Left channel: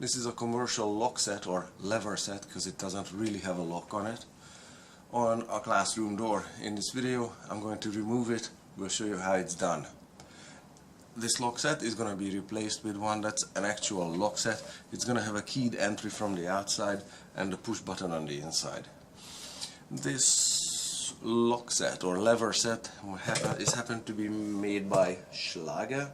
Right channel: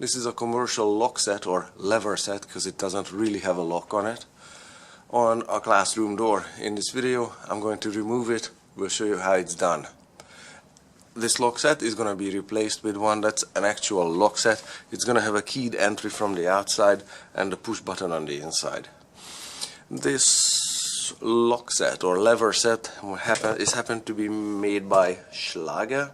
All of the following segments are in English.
This is a commercial lock set or lever set because it doesn't really have a lock on it, on a classroom door. In this video I'm going to remove it. We'll show you how it's done. This lock set is going to be replaced with one that's an actual lock set. It's going to have a keyed entry from the outside and a push button on the inside. This lock set or lever set happened to be made by Schlage.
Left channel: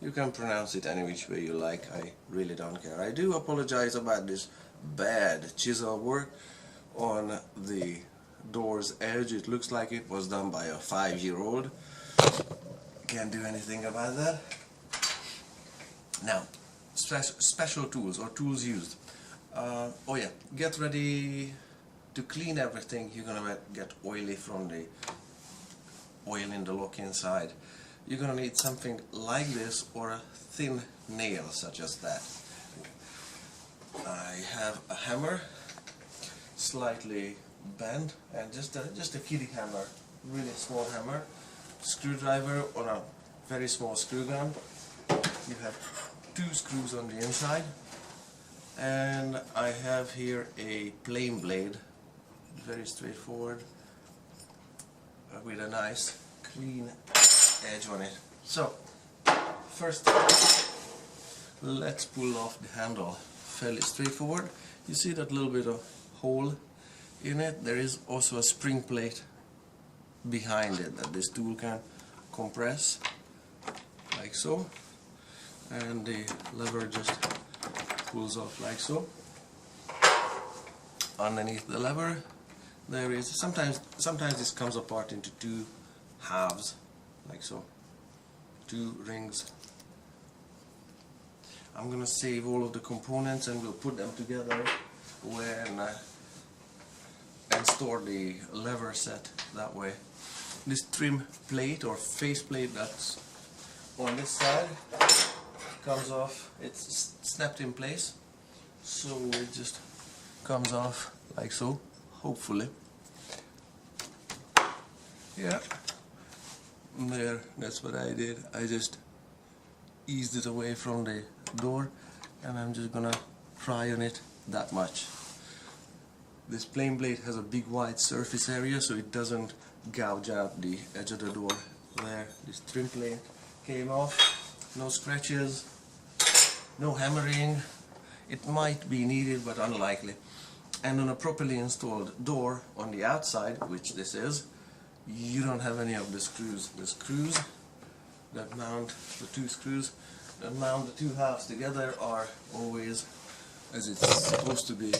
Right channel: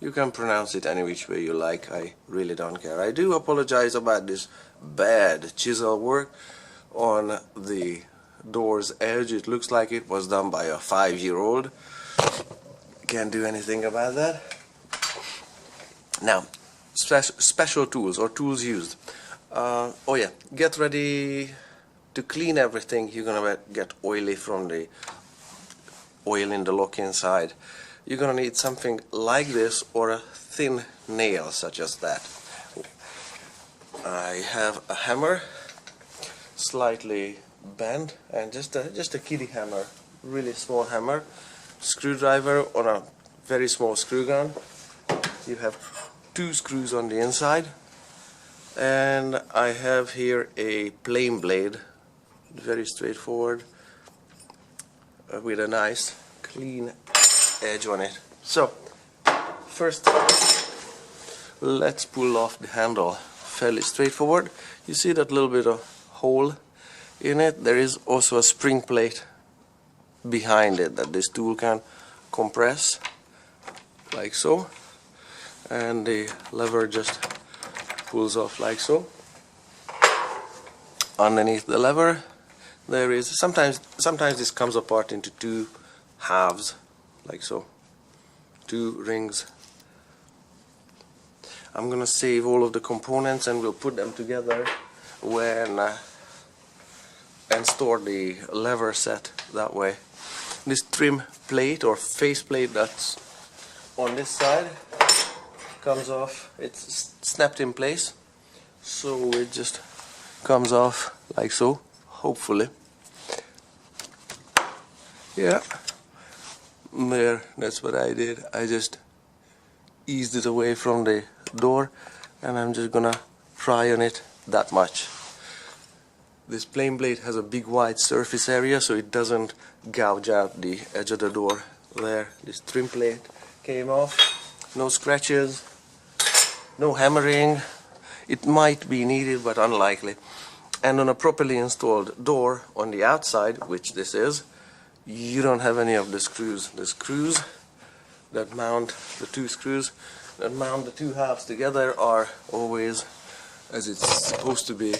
You can pronounce it any which way you like, I really don't care. I do apologize about this bad chisel work on the door's edge. It looks like it was done by a 5-year-old. Can't do anything about that. Now, special tools or tools used. Oh yeah, get ready to clean everything. You're gonna get oily from the oil in the lock inside. You're gonna need something like this or a thin nail such as that. I have a hammer, slightly bent, and just a kiddie hammer, really small hammer. Screwdriver on a very small screw gun. You have 2 screws on the inside, and I have here a plain blade, very straightforward, with a nice clean edge on it. So first let's pull off the handle. Fairly straightforward. You see that little bit of hole in it? There is also a spring plate behind it that this tool can compress like so, and the lever just pulls off like so. Underneath the lever there is sometimes this comes apart into 2 halves like so, 2 rings. I'm gonna save all of the components and we'll put them together when and store the lever set that way. This trim plate or face plate that's on this side comes off. It's snapped in place, so it just comes off like so, hopefully. Yeah, there, that's what I did. I just eased it away from the door and I'm just gonna pry on it that much. This plain blade has a big wide surface area so it doesn't gouge out the edge of the door. There, this trim plate came off. No scratches, no hammering. It might be needed but unlikely. And on a properly installed door on the outside, which this is, you don't have any of the screws. The screws that mount, the 2 screws that mount the 2 halves together are always as it's supposed to be,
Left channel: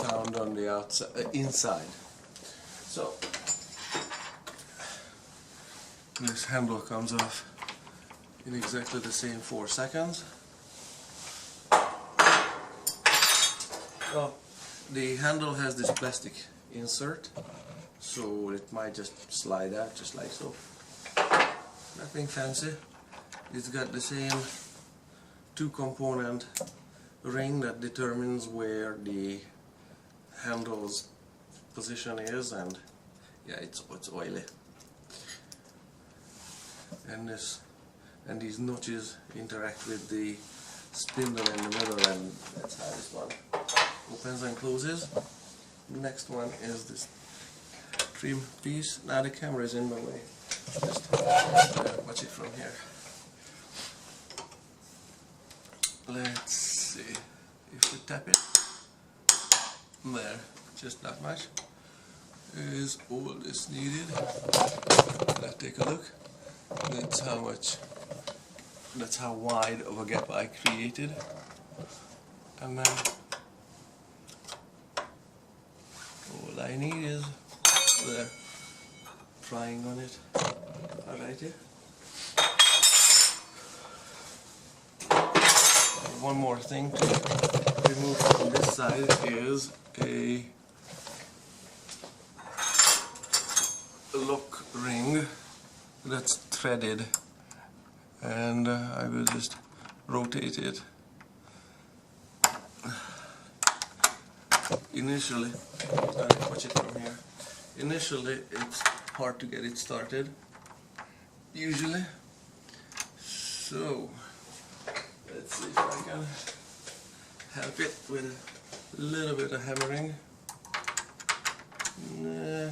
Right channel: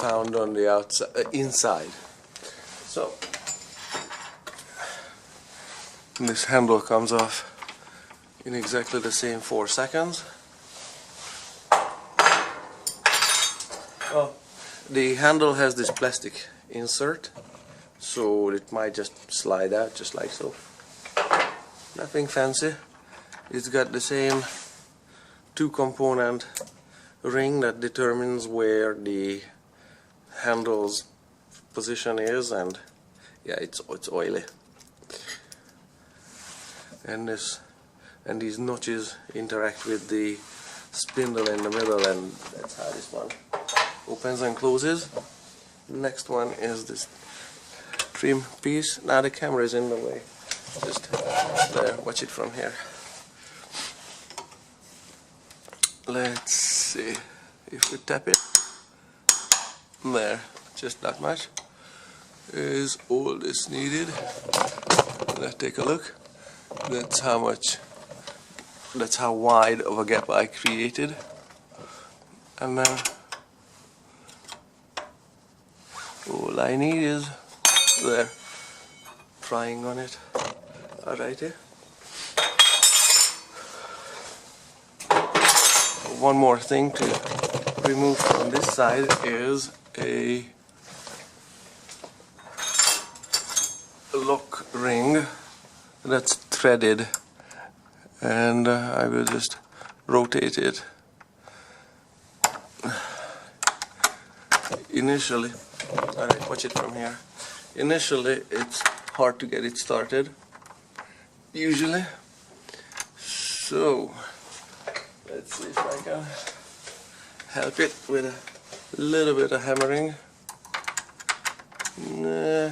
found on the outside, inside. So this handle comes off in exactly the same 4 seconds. Oh, the handle has this plastic insert, so it might just slide out just like so. Nothing fancy. It's got the same 2-component ring that determines where the handle's position is, and yeah, it's oily. And these notches interact with the spindle in the middle, and that's how this one opens and closes. The next one is this trim piece. Now the camera is in the way. Just there, watch it from here. Let's see if we tap it. There, just that much is all that's needed. Let's take a look. That's how wide of a gap I created. And then all I need is there, prying on it. Alrighty. One more thing to remove from this side is a lock ring that's threaded, and I will just rotate it. Initially, alright, watch it from here. Initially it's hard to get it started, usually, so let's see if I can help it with a little bit of hammering. Nah.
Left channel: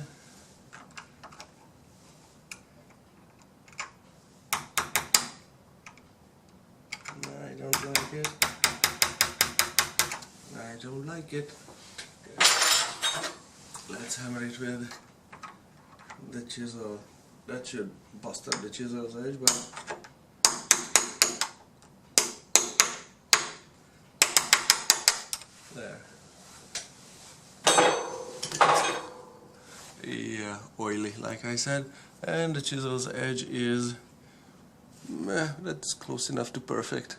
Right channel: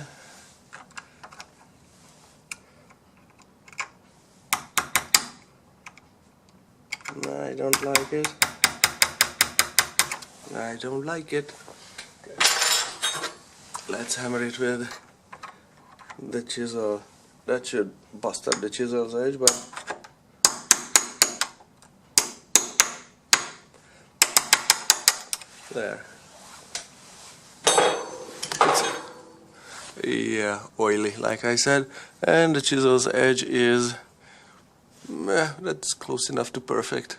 I don't like it. I don't like it. Let's hammer it with the chisel. That should bust up the chisel's edge, but there. Yeah, oily, like I said, and the chisel's edge is that's close enough to perfect.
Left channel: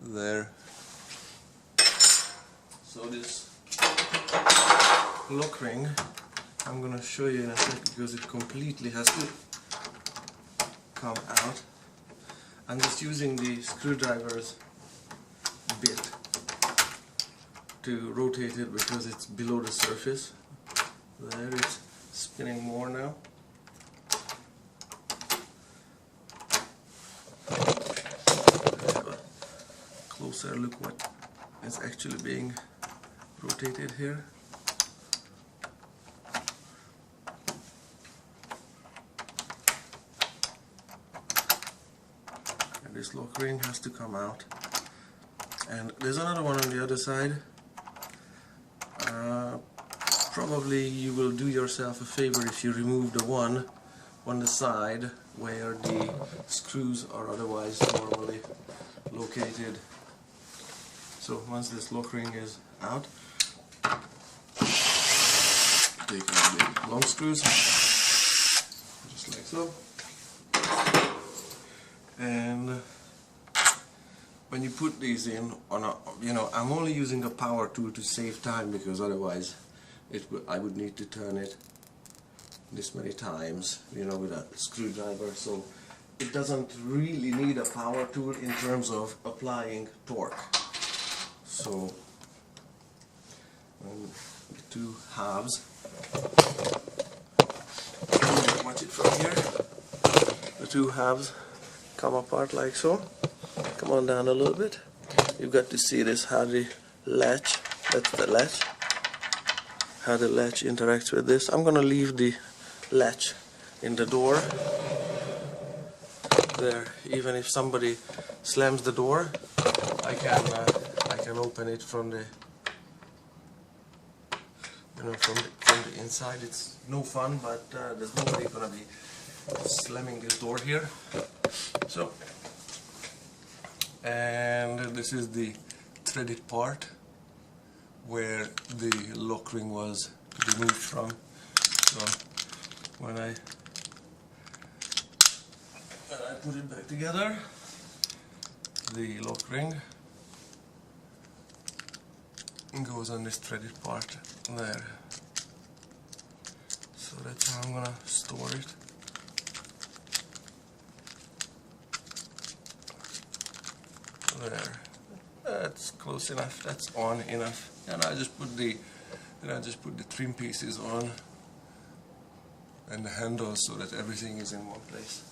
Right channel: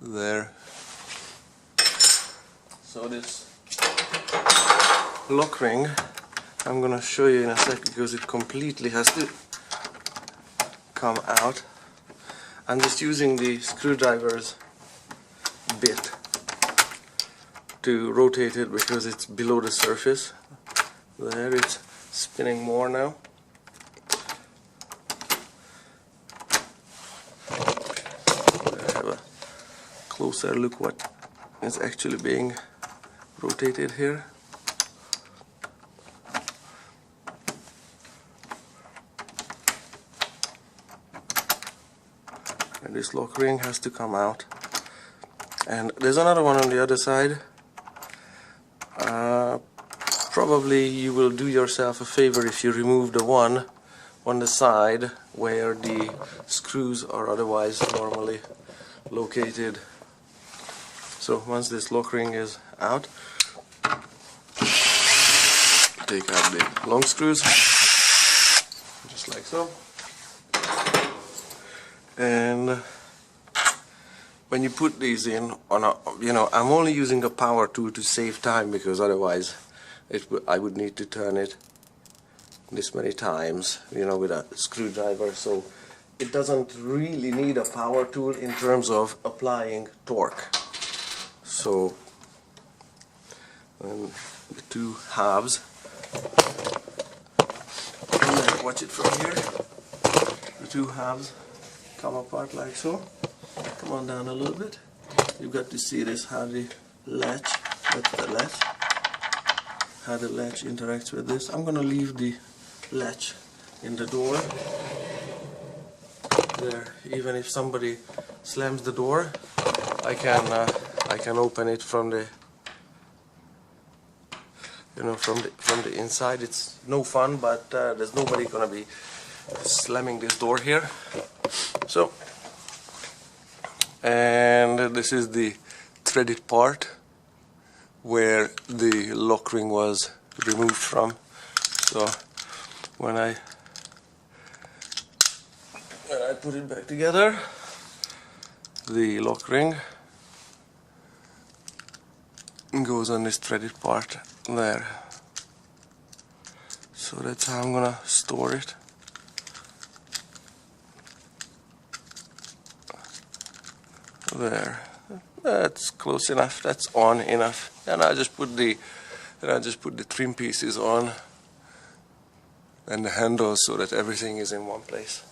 There. So this lock ring, I'm gonna show you in a sec because it completely has to come out. I'm just using the screwdriver's bit to rotate it because it's below the surface. There, it's spinning more now. I have a closer look what is actually being rotated here. And this lock ring has to come out. And there's another one on the other side. Probably you will do yourself a favor if you remove the one on the side where the screws are otherwise normally located. So once this lock ring is out, take out the long screws, just like so. And when you put these in on a, I'm only using a power tool to save time because otherwise I would need to turn it this many times, with a screwdriver. So it doesn't really need a power tool in terms of applying torque. So the two halves, watch it from here, the two halves come apart like so. Come on down a little bit. You've got to see this, how the latch, that's the latch, how the latch interacts with this. I'm gonna leave the latch in the door there. Even if somebody slams the door, I can open it from the from the inside. It's no fun, but there's nobody gonna be slamming this door here. So, and this is the threaded part where the lock ring was removed from. So when I put it back together, the lock ring goes on this threaded part there. So that's how I'm gonna store it. There, that's close enough. That's on enough. And I just put the trim pieces on and the handles so that everything is in one place.